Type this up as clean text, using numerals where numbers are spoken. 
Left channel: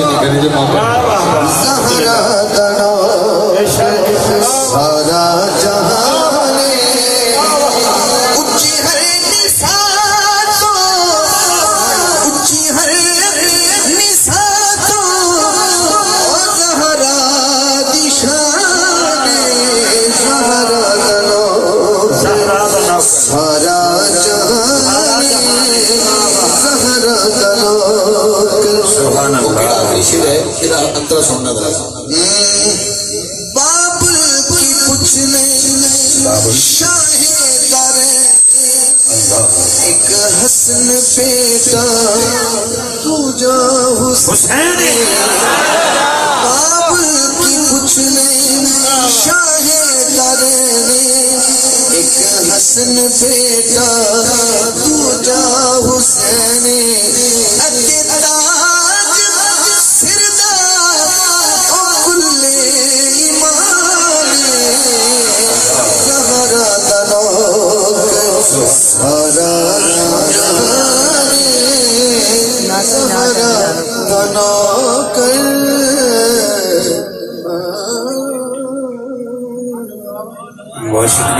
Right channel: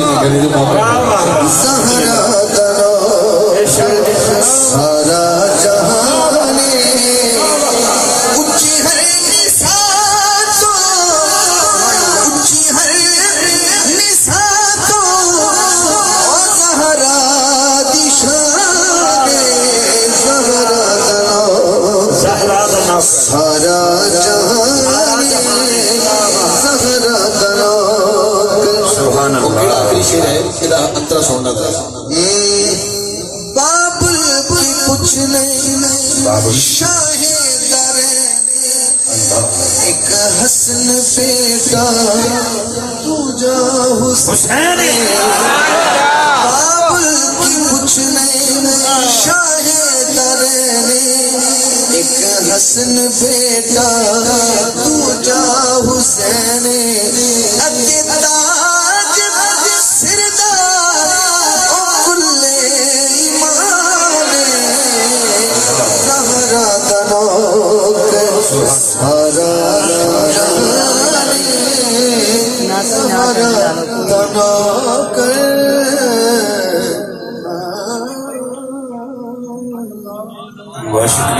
اچھی نکلی جو سارا جہان اچھی ہے نساتوں اچھی ہے نساتوں زہرا دشان زہرا سارا جہان زہرا سبحان اللہ آخری شعر ہے پھر انترا سننا تھا شاہ دارے ایک حسن بیٹا پوجا حسین باب کی کچھ نہیں شاہ دارے ایک حسن بیٹا پوجا حسین بہت شکریہ